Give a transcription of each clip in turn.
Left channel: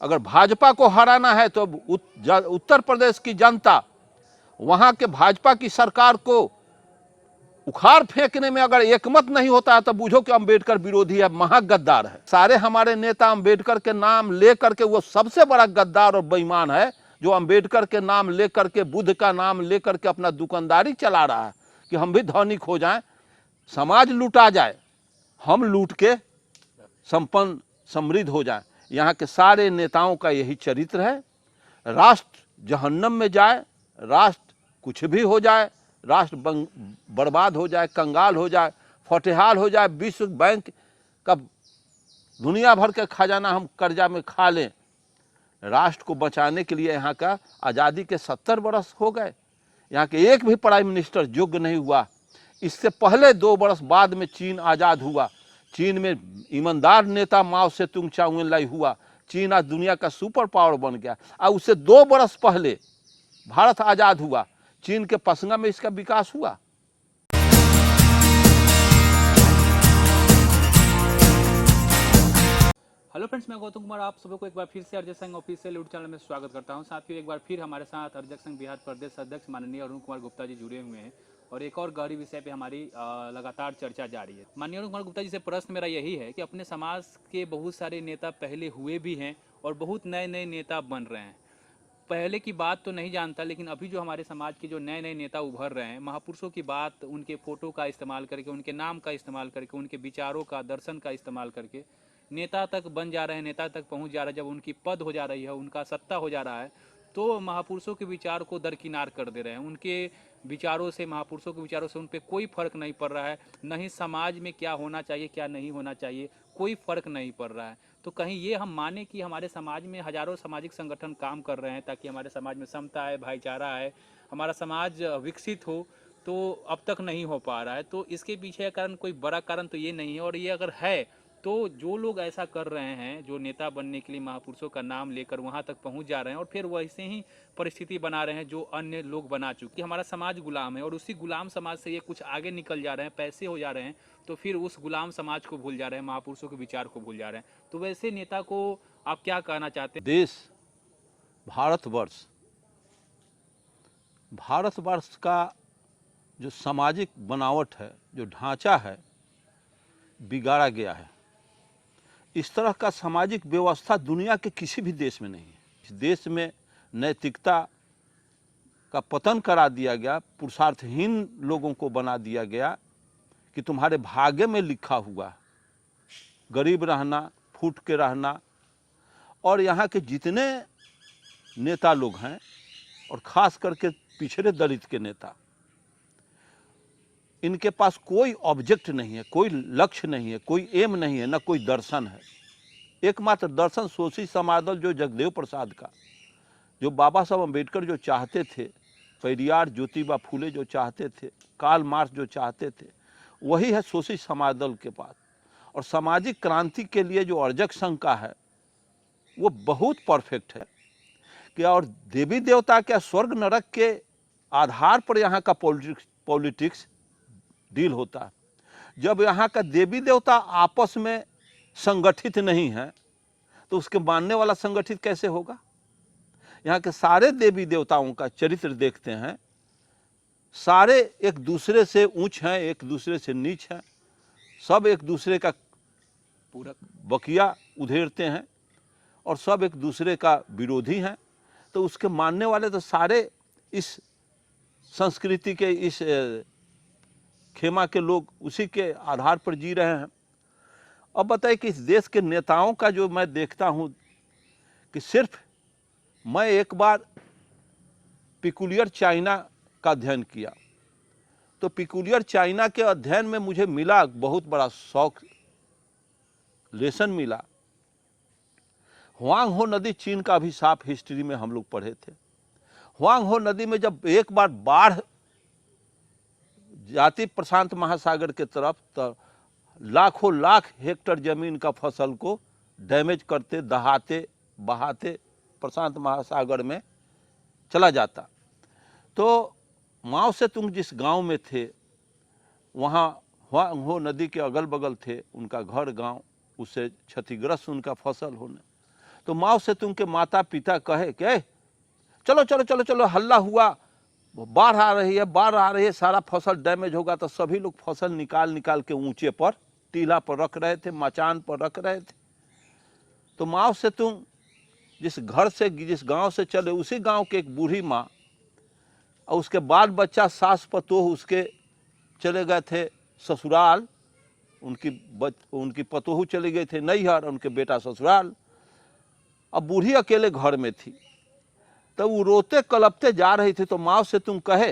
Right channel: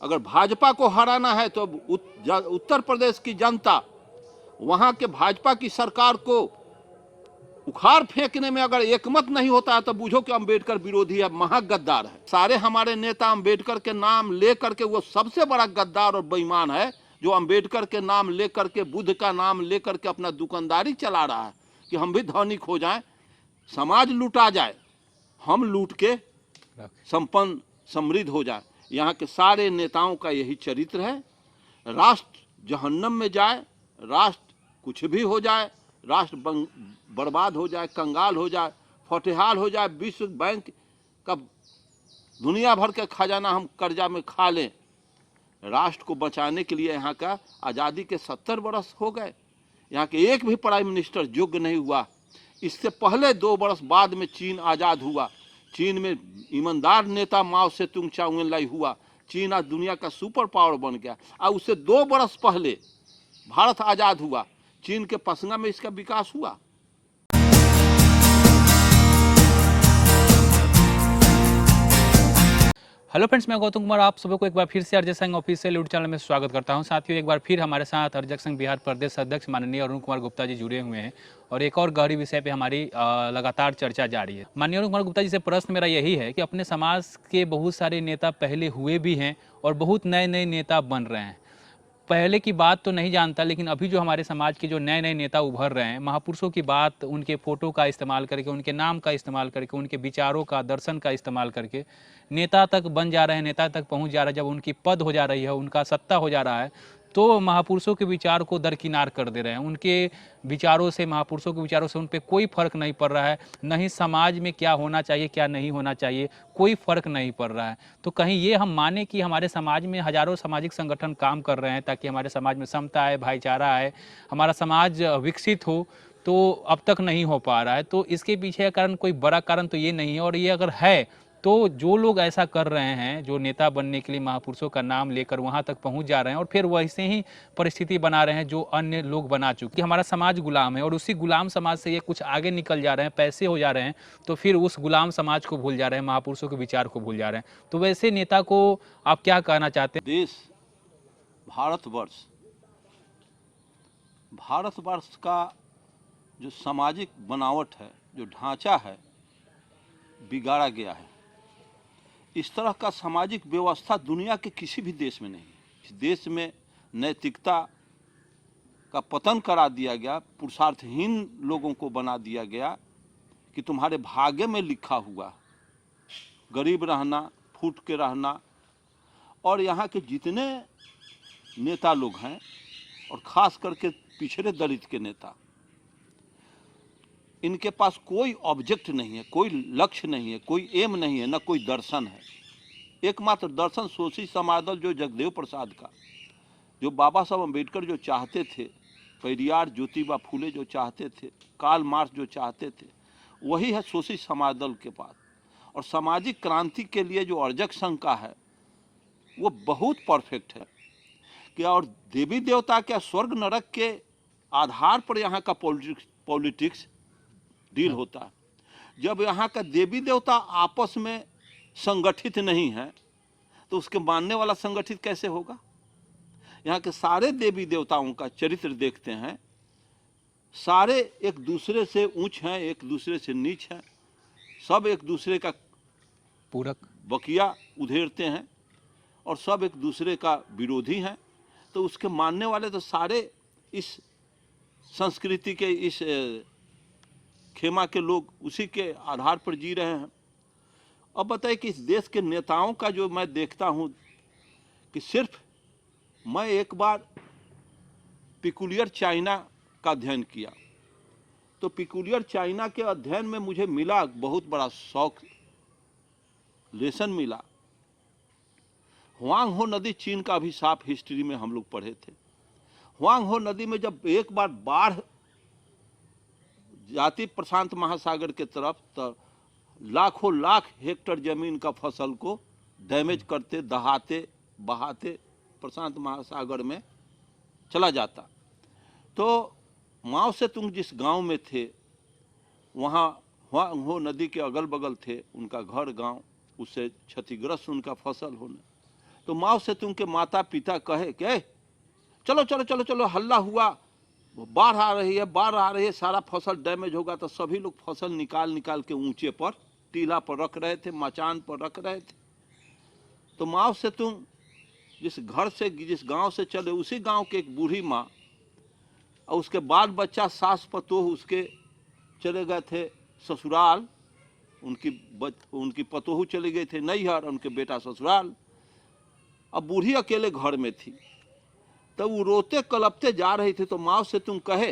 अगर भाजपा को हराना है तो उत्तर प्रदेश की जनता वहां के भाजपा की सरकार को उखाड़ फेंकने में अगर एकमत नहीं होता है तो बूझो कि अंबेडकर विरोधी है, महागद्दार है। सारे हमारे नेता अंबेडकर के नाम लेकर के, वो सबसे बड़ा गद्दार और बेईमान है जो अंबेडकर के नाम लेकर के, बुद्ध का नाम लेकर के अपना दुकानदारी चला रहा है कि हम भी धनिक हो जाएं, समाज लूटा जाए, हम लूट के संपन्न समृद्ध हो जाएं। यहाँ के सारे नेताओं का यही चरित्र है। राष्ट्र जहन्नम में जाए, राष्ट्र कुछ भी हो जाए, राष्ट्र बर्बाद हो जाए, कंगाल हो जाए, फटेहाल हो जाए, विश्व बैंक का दुनिया भर का खजाना हम कर्जा में खा लें, राष्ट्र को बचाने के लिए यहाँ का आज़ादी के 70 वर्ष हो गए, यहाँ के एक भी प्राइम मिनिस्टर योग्य नहीं हुआ। इससे पहले 2 वर्ष बाद में चीन आज़ाद हुआ, चीन में ईमानदार नेता माओ से तुंग चाउलाई हुआ, चीन आज दुनिया का सुपर पावर बन गया। और उससे 2 वर्ष पहले भारत आज़ाद हुआ, चीन के पसंगा में इसका विकास हुआ। हेलो फ्रेंड्स, मैं गौतम कुमार आप सभी को एक बार फिर से अरिजक संघ ऑफिशियल यूट्यूब चैनल में स्वागत करता हूं। साथियों, एक बार फिर हमारे साथ अरिजक संघ बिहार प्रदेश अध्यक्ष माननीय अरुण कुमार गुप्ता जी जुड़े हुए हैं और एक और गहरी विषय पे हमारी लगातार चर्चा जारी है। माननीय अरुण कुमार गुप्ता जी से प्रश्न मेरा यही है कि अपने समाज के बहुत सारे नेता पहले हुए भी हैं और बहुत नए नए नेता बन रहे हैं। पहले की बात तो नहीं जानता, लेकिन अभी जो हमारे समाज के जो नए नए नेता उभर रहे हैं, महापुरुषों की बात, उनके फोटो का इस्तेमाल करके, उनके नाम का इस्तेमाल करके, उनके विचारों का, दर्शन का इस्तेमाल करके नेता तक बन जा रहे हैं, नेता तक पहुंच जा रहे हैं। जब उनकी पद हो जा रही है, उनका सत्ता हो जा रहा है, तो महापुरुषों के विचार को दरकिनार कर दे रहे हैं। उनके विचारों से, महापुरुषों के विचारों से उन पर कोई फर्क नहीं पड़ रहा है। नहीं समाज में क्या होना चाहिए, क्या नहीं होना चाहिए, कोई फर्क नहीं पड़ रहा है। तो कहीं ये हम माने कि हमारे समाज में हजारों सामाजिक संगठन काम कर रहे हैं ताकि हमारे समाज में समता आए, भाईचारा आए, हमारा समाज विकसित हो, तो अब तक नहीं हो पा रहा है। तो इसके पीछे का कारण, कोई बड़ा कारण तो ये नहीं है। और ये अगर है तो जो लोग ऐसा कर रहे हैं, जो नेता बनने के लिए महापुरुषों का नाम लेकर वहां तक पहुंच जा रहे हैं और फिर वैसे ही परिस्थिति बना रहे हैं जो अन्य लोग बना चुके। हमारा समाज गुलाम है और उसी गुलाम समाज से ये कुछ आगे निकल जा रहे हैं, पैसे हो जा रहे हैं, तो फिर उस गुलाम समाज को भूल जा रहे हैं, महापुरुषों के विचार को भूल जा रहे हैं। तो वैसे नेता को आप क्या कहना चाहते हैं? देश भारतवर्ष का जो सामाजिक बनावट है, जो ढांचा है, बिगाड़ा गया है। इस तरह का सामाजिक व्यवस्था दुनिया के किसी भी देश में नहीं है। इस देश में नैतिकता का पतन करा दिया गया, पुरुषार्थहीन लोगों को बना दिया गया कि तुम्हारे भाग्य में लिखा हुआ गरीब रहना, फूट के रहना। और यहाँ के जितने नेता लोग हैं, और ख़ास करके पिछड़े दलित के नेता, इनके पास कोई ऑब्जेक्ट नहीं है, कोई लक्ष्य नहीं है, कोई एम नहीं है, न कोई दर्शन है। एकमात्र दर्शन शोषी समादल जो जगदेव प्रसाद का, जो बाबा साहब अम्बेडकर जो चाहते थे, पेरियार ज्योतिबा फूले जो चाहते थे, कार्ल मार्क्स जो चाहते थे, वही है शोषी समादल के पास। और सामाजिक क्रांति के लिए जो अरिजक संघ का है वो बहुत परफेक्ट है कि, और देवी देवता क्या स्वर्ग नरक के आधार पर यहाँ का पॉलिटिक्स डील होता है। जब यहाँ का देवी देवता आपस में संगठित नहीं है तो उसके मानने वाला संगठित कैसे होगा? यहाँ के सारे देवी देवताओं का चरित्र देखते हैं, सारे एक दूसरे से ऊंच हैं, एक दूसरे से नीच हैं, सब एक दूसरे का पूरक बकिया उधेड़ते हैं और सब एक दूसरे का विरोधी हैं। तो उसके मानने वाले तो सारे इस संस्कृति के, इस खेमा के लोग उसी के आधार पर जी रहे हैं। अब बताइए कि इस देश के नेताओं का जो मैं देखता हूं कि सिर्फ मैं एक बार पिकुलियर चाइना का अध्ययन किया, तो पिकुलियर चाइना के अध्ययन में मुझे मिला बहुत बड़ा शौक, लेसन मिला। हुआंग हो नदी चीन का अभिशाप हिस्ट्री में हम लोग पढ़े थे। हुआंग हो नदी में जब एक बार बाढ़ जाती प्रशांत महासागर के तरफ, तो लाखों लाख हेक्टर जमीन का फसल को डैमेज करते, दहाते, बहाते प्रशांत महासागर में चला जाता। तो माओ से तुंग जिस गांव में थे, वहाँ हुआंग हो नदी के अगल बगल थे उनका घर गांव, उससे क्षतिग्रस्त उनका फसल होने। तो माओ से तुम के माता पिता कहे कि चलो चलो चलो चलो, हल्ला हुआ, बाढ़ आ रही है, बाढ़ आ रही है, सारा फसल डैमेज होगा, तो सभी लोग फसल निकाल निकाल के ऊंचे पर टीला पर रख रहे थे, मचान पर रख रहे थे। तो माओ से तुम जिस घर से, जिस गांव से चले, उसी गांव के एक बूढ़ी माँ और उसके बाल बच्चा, सास पतोह उसके चले गए थे ससुराल, उनकी पतोहू चले गए थे नैहर, उनके बेटा ससुराल। अब बूढ़ी अकेले घर में थी, तो वो रोते कलपते जा रही थी। तो माँ से तुम कहे,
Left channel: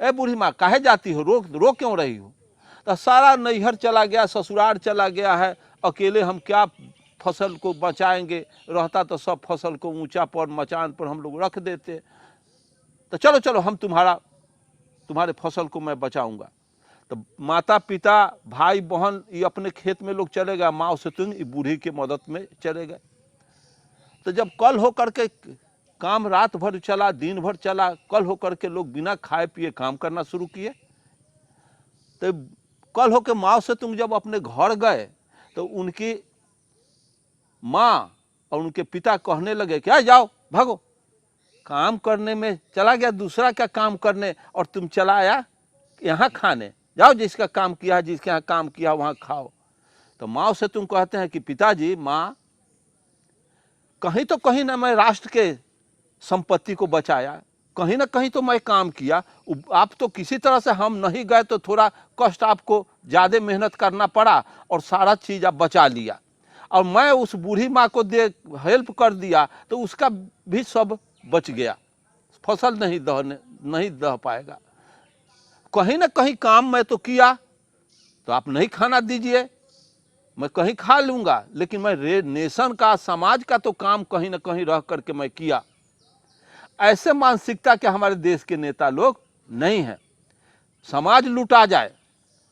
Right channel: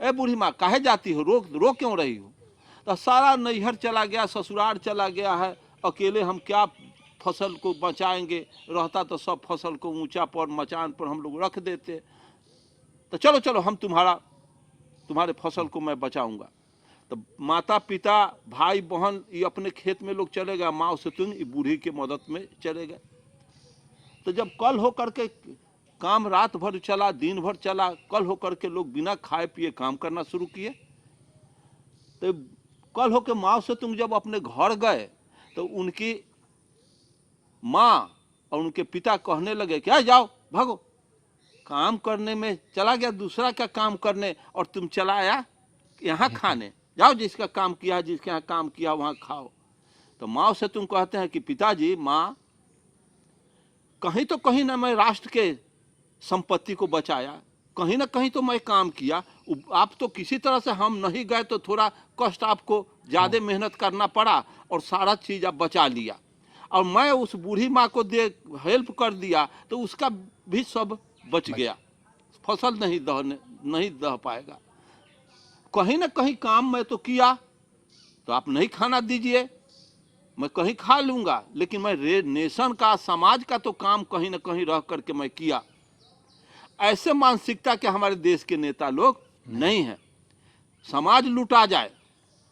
ए बूढ़ी माँ काहे जाती हो, रो क्यों रही हो? तो सारा नैहर चला गया, ससुराल चला गया है, अकेले हम क्या फसल को बचाएंगे, रहता तो सब फसल को ऊंचा पर मचान पर हम लोग रख देते। तो चलो चलो, हम तुम्हारे फसल को मैं बचाऊंगा। तो माता पिता भाई बहन ये अपने खेत में लोग चले गए, माँ से तुम बूढ़ी की मदद में चले गए। तो जब कल होकर के काम रात भर चला, दिन भर चला, कल होकर के लोग बिना खाए पिए काम करना शुरू किए। तो कल होकर माँ से तुम जब अपने घर गए तो उनकी माँ और उनके पिता कहने लगे क्या जाओ भागो, काम करने में चला गया दूसरा का काम करने, और तुम चला आया यहाँ खाने, जाओ जिसका काम किया, जिसके यहाँ काम किया वहाँ खाओ। तो माँ से तुम कहते हैं कि पिताजी, माँ कहीं तो कहीं ना मैं राष्ट्र के संपत्ति को बचाया, कहीं ना कहीं तो मैं काम किया, आप तो किसी तरह से हम नहीं गए तो थोड़ा कष्ट आपको ज़्यादा मेहनत करना पड़ा और सारा चीज़ आप बचा लिया, और मैं उस बूढ़ी माँ को दे हेल्प कर दिया तो उसका भी सब बच गया, फसल नहीं दह पाएगा। कहीं ना कहीं काम मैं तो किया, तो आप नहीं खाना दीजिए, मैं कहीं खा लूँगा, लेकिन मैं नेशन का, समाज का तो काम कहीं ना कहीं रह करके मैं किया। ऐसे मानसिकता के हमारे देश के नेता लोग नहीं हैं। समाज लूटा जाए,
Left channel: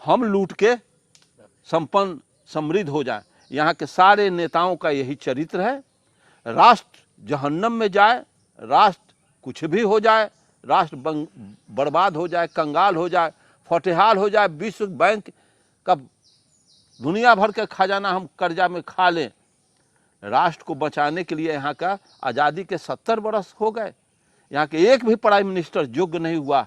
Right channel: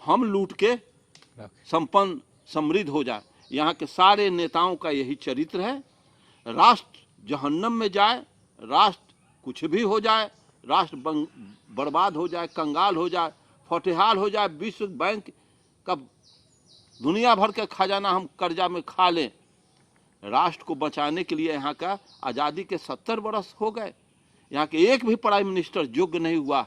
हम लूट के संपन्न समृद्ध हो जाए, यहाँ के सारे नेताओं का यही चरित्र है। राष्ट्र जहन्नम में जाए, राष्ट्र कुछ भी हो जाए, राष्ट्र बर्बाद हो जाए, कंगाल हो जाए, फटेहाल हो जाए, विश्व बैंक का दुनिया भर का खजाना हम कर्जा में खा लें, राष्ट्र को बचाने के लिए यहाँ का आज़ादी के 70 वर्ष हो गए, यहाँ के एक भी प्राइम मिनिस्टर योग्य नहीं हुआ।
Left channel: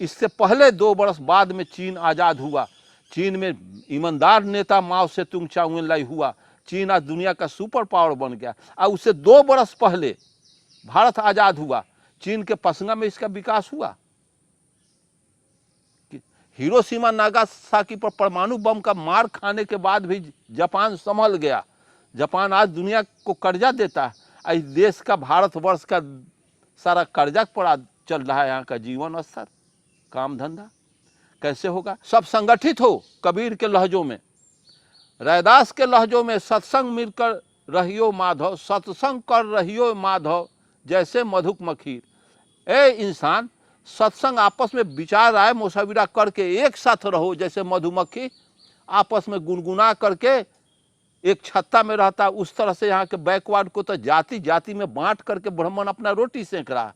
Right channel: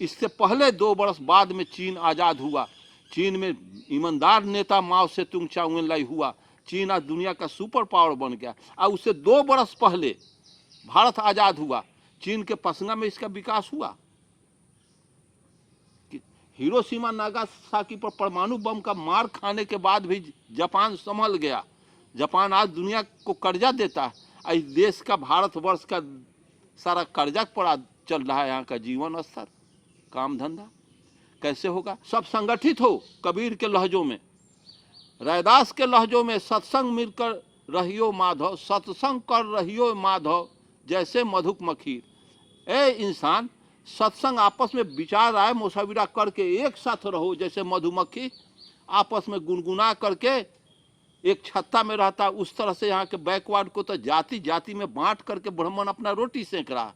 इससे पहले 2 वर्ष बाद में चीन आज़ाद हुआ, चीन में ईमानदार नेता माओ से तुंग चाओ-एन-लाई हुआ, चीन आज दुनिया का सुपर पावर बन गया। और उससे 2 वर्ष पहले भारत आज़ाद हुआ, चीन के पसंगा में इसका विकास हुआ। हिरोशिमा नागासाकी पर परमाणु बम का मार खाने के बाद भी जापान संभल गया, जापान आज दुनिया को कर्जा देता है। इस देश का, भारतवर्ष का सारा कर्जा पड़ा चल रहा है, यहाँ का जीवन स्तर, काम धंधा कैसे होगा? सब संगठित हो कबीर के लहजों में, रैदास के लहजों में, सत्संग मिलकर रहियो माधव, सत्संग कर रहियो माधव जैसे मधुक मखीर। ए इंसान, सत्संग आपस में विचार आए, मुशाविरा करके एक साथ रहो, जैसे मधुमक्खी आपस में गुनगुना करके एक छत्ता में रहता, उस तरह से यहाँ के बैकवर्ड को तो जाति जाति में बांट करके ब्राह्मण अपना रोटी सेक रहा।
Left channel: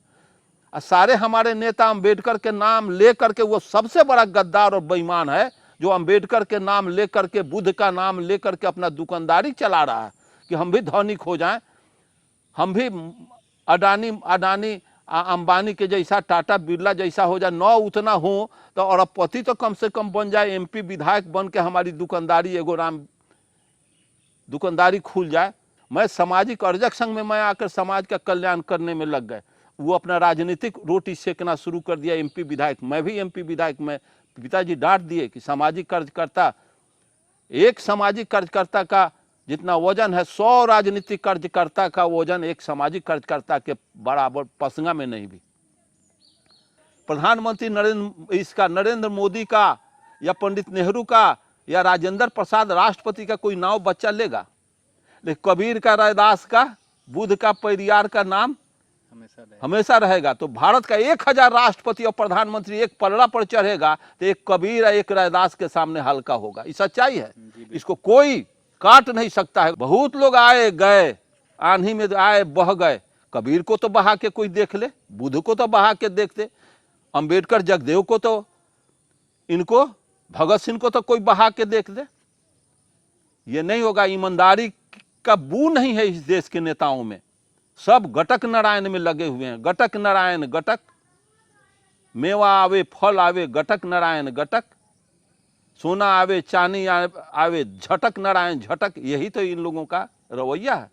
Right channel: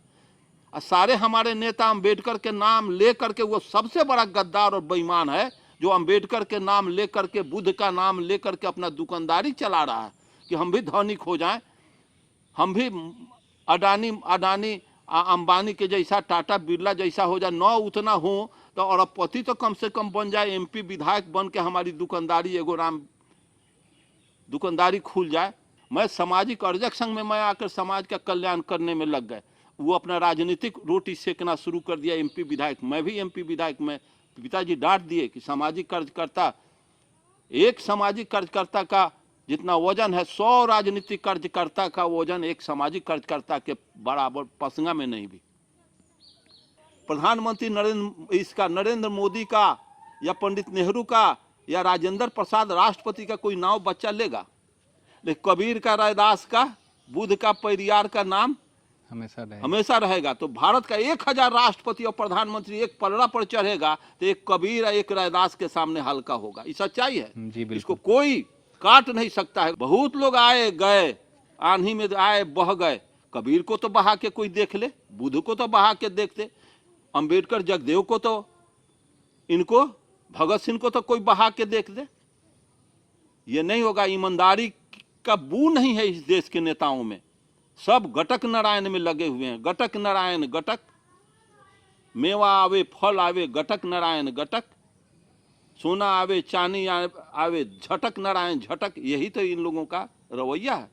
और सारे हमारे नेता अंबेडकर के नाम ले करके, वो सबसे बड़ा गद्दार और बेईमान है जो अंबेडकर के नाम ले करके, बुद्ध का नाम ले करके अपना दुकानदारी चला रहा है कि हम भी धनिक हो जाएं, हम भी अडानी अंबानी के जैसा, टाटा बिरला जैसा हो जाए, न उतना हो तो अरबपति तो कम से कम बन जाए, एमपी विधायक बन के हमारी दुकानदारी दुकानदारी खुल जाए। मैं सामाजिक अर्जक संघ में मैं आकर समाज का कल्याण करने में लग गए, वो अपना राजनीतिक रोटी सेकना शुरू कर दिया, एमपी विधायक, मैं भी एमपी विधायक। मैं पिताजी डांट दिए कि सामाजिक कार्यकर्ता, एक सामाजिक कार्यकर्ता का जितना वजन है 100 राजनीतिक कार्यकर्ता का वजन एक सामाजिक कार्यकर्ता के बराबर पसंगा में नहीं भी। प्रधानमंत्री नरेंद्र मोदी का या पंडित नेहरू का या राजेंद्र प्रसाद राष्ट्रपति का कोई नाम बच्चा लेगा, लेकिन कबीर का, रैदास का, बुद्ध का, पेरियार का नाम हमेशा रहेगा। तो भारत का 1000 राष्ट्रपति और प्रधानमंत्री एक पलड़ा पर चढ़ेगा तो एक कबीर और एक रैदास के सामने हल्का होगा। ये सच्चाई है, इसको कोई काट नहीं सकता है। बहुत लोग आए गए, आंधी में आए बह गए, कबीर को तो बहा के कोई देख ले, बुद्ध को तो बहा के देखते, अंबेडकर जगदेव को तो, इनको भगत सिंह को तो कोई बहा के देख दे। ये नहीं होगा। ईमानदारी का बू नहीं है इस देश के नेताओं में। सब गटक नारायण में लगे हुए हैं। गटक नारायण गटक, मेवा आवे फल आवे गटक नारायण गटक, सोना आवे चांदी आवे झटक नारायण झटक। यही तो इन लोगों का रवैया है।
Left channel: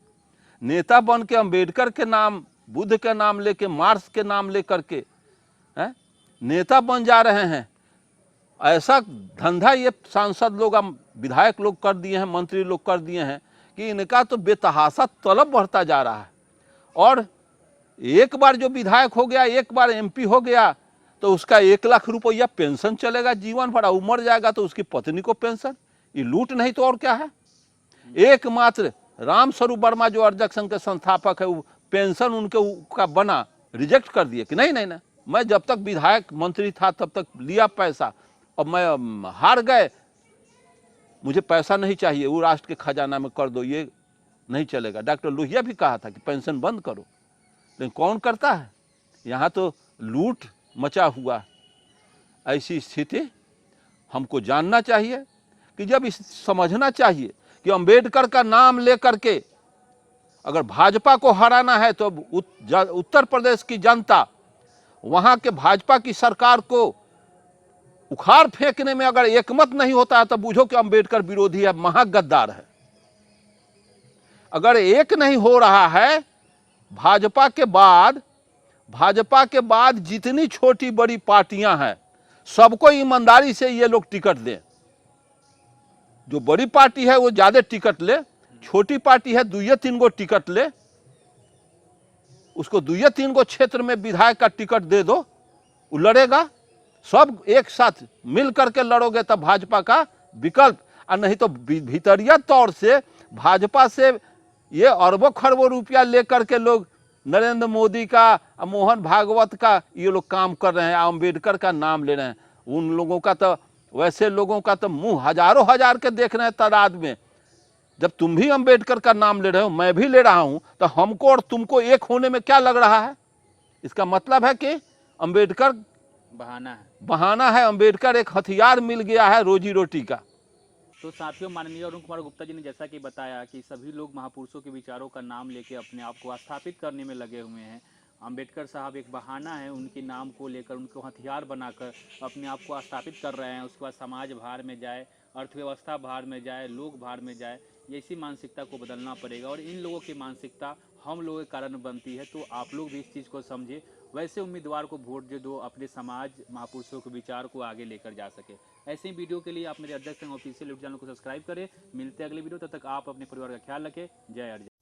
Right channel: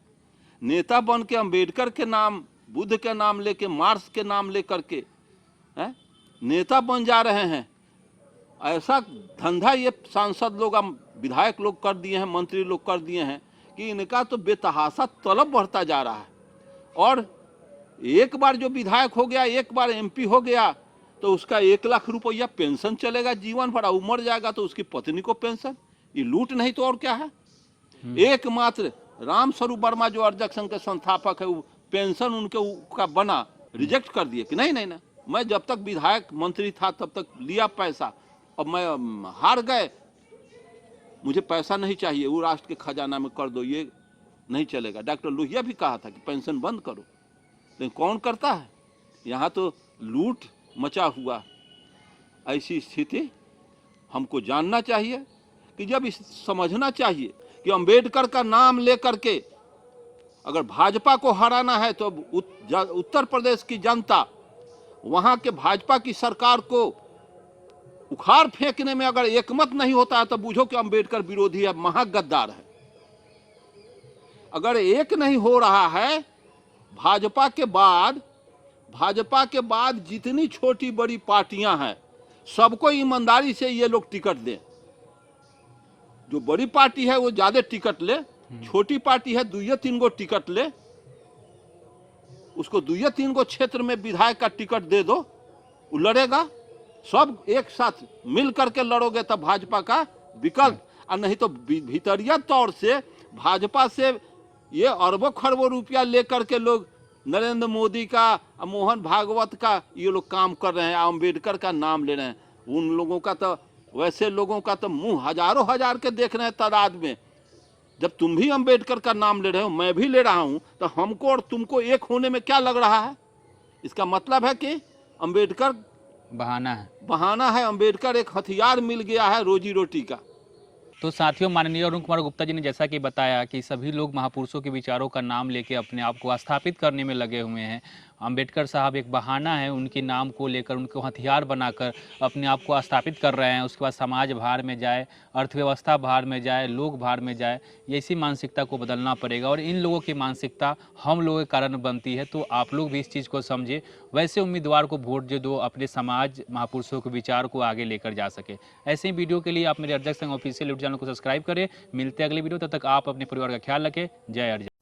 नेता बन के अंबेडकर के नाम, बुद्ध के नाम लेके, मार्क्स के नाम लेकर के नेता बन जा रहे हैं। ऐसा धंधा ये सांसद लोग, विधायक लोग कर दिए हैं, मंत्री लोग कर दिए हैं कि इनका तो बेतहाशा तलब बढ़ता जा रहा है। और एक बार जो विधायक हो गया, एक बार एमपी हो गया, तो उसका 1 लाख रुपया पेंशन चलेगा जीवन भर। उमर जाएगा तो उसकी पत्नी को पेंशन। ये लूट नहीं तो और क्या है। एकमात्र राम स्वरूप वर्मा जो अर्जक संघ के संस्थापक है, वो पेंशन उनके का बना, रिजेक्ट कर दिए कि नहीं नहीं नहीं, मैं जब तक विधायक मंत्री था तब तक लिया पैसा, और मैं हार गए, मुझे पैसा नहीं चाहिए, वो राष्ट्र के खजाना में कर दो, ये नहीं चलेगा। डॉक्टर लोहिया भी कहा था कि पेंशन बंद करो, लेकिन कौन करता है। यहाँ तो लूट मचा हुआ। ऐसी स्थिति हमको जानना चाहिए कि जब समझना चाहिए कि अंबेडकर का नाम लेकर के अगर भाजपा को हराना है तो उत्तर प्रदेश की जनता वहां के भाजपा की सरकार को उखाड़ फेंकने में अगर एकमत नहीं होता है तो बूझो कि अंबेडकर विरोधी है, महागद्दार है। अगर एक नहीं हो रहा है, भाजपा के बाद जितनी छोटी बड़ी पार्टियां हैं सबको ईमानदारी से ये लोग टिकट दें। जो बड़ी पार्टी है वो ज्यादा टिकट ले, छोटी पार्टी है 2-3 गो टिकट ले, उसको 2-3 गो क्षेत्र में विधायक का टिकट दे दो, वो लड़ेगा। सब एक साथ मिल करके लड़ोगे तब भाजपा का विकल्प। और नहीं तो भीतरिया तौर से भाजपा से ये अरबों खरबों रुपया लेकर के लोग नरेंद्र मोदी का, मोहन भागवत का ये लोग काम कर रहे हैं, अंबेडकर का नाम ले रहे हैं। उन लोगों का तो, वैसे लोगों का तो मुंह हजारों हजार के देख रहे हैं तादाद में। जब तुम भी अंबेडकर का नाम ले रहे हो, मैं भी ले रहा हूं, तो हमको और तुमको एक होने में क्या लग रहा है। इसका मतलब है कि अंबेडकर बहाना है। अंबेडकर एक हथियार मिल गया है रोजी रोटी का। तो साथियों, माननीय अरुण कुमार गुप्ता जी ने जैसा कि बताया कि सभी लोग महापुरुषों के विचारों का नाम लेके अपने आप को स्थापित करने में लगे हुए हैं। अंबेडकर साहब एक बहाना है, उनके नाम को लेकर उनको हथियार बनाकर अपने आप को स्थापित कर रहे हैं। उसके बाद समाज भार में जाए, अर्थव्यवस्था भार में जाए, लोग भार में जाए, ये इसी मानसिकता को बदलना पड़ेगा। और इन लोगों की मानसिकता हम लोगों के कारण बनती है, तो आप लोग भी इस चीज़ को समझे, वैसे उम्मीदवार को वोट दे दो, अपने समाज महापुरुषों के विचार को आगे लेकर जा सके। ऐसे ही वीडियो के लिए आप मेरे अर्जक संघ ऑफिशियल यूट्यूब चैनल को सब्सक्राइब करें। मिलते हैं अगले वीडियो, तब तक आप अपने परिवार का ख्याल रखें। जय अर्जक।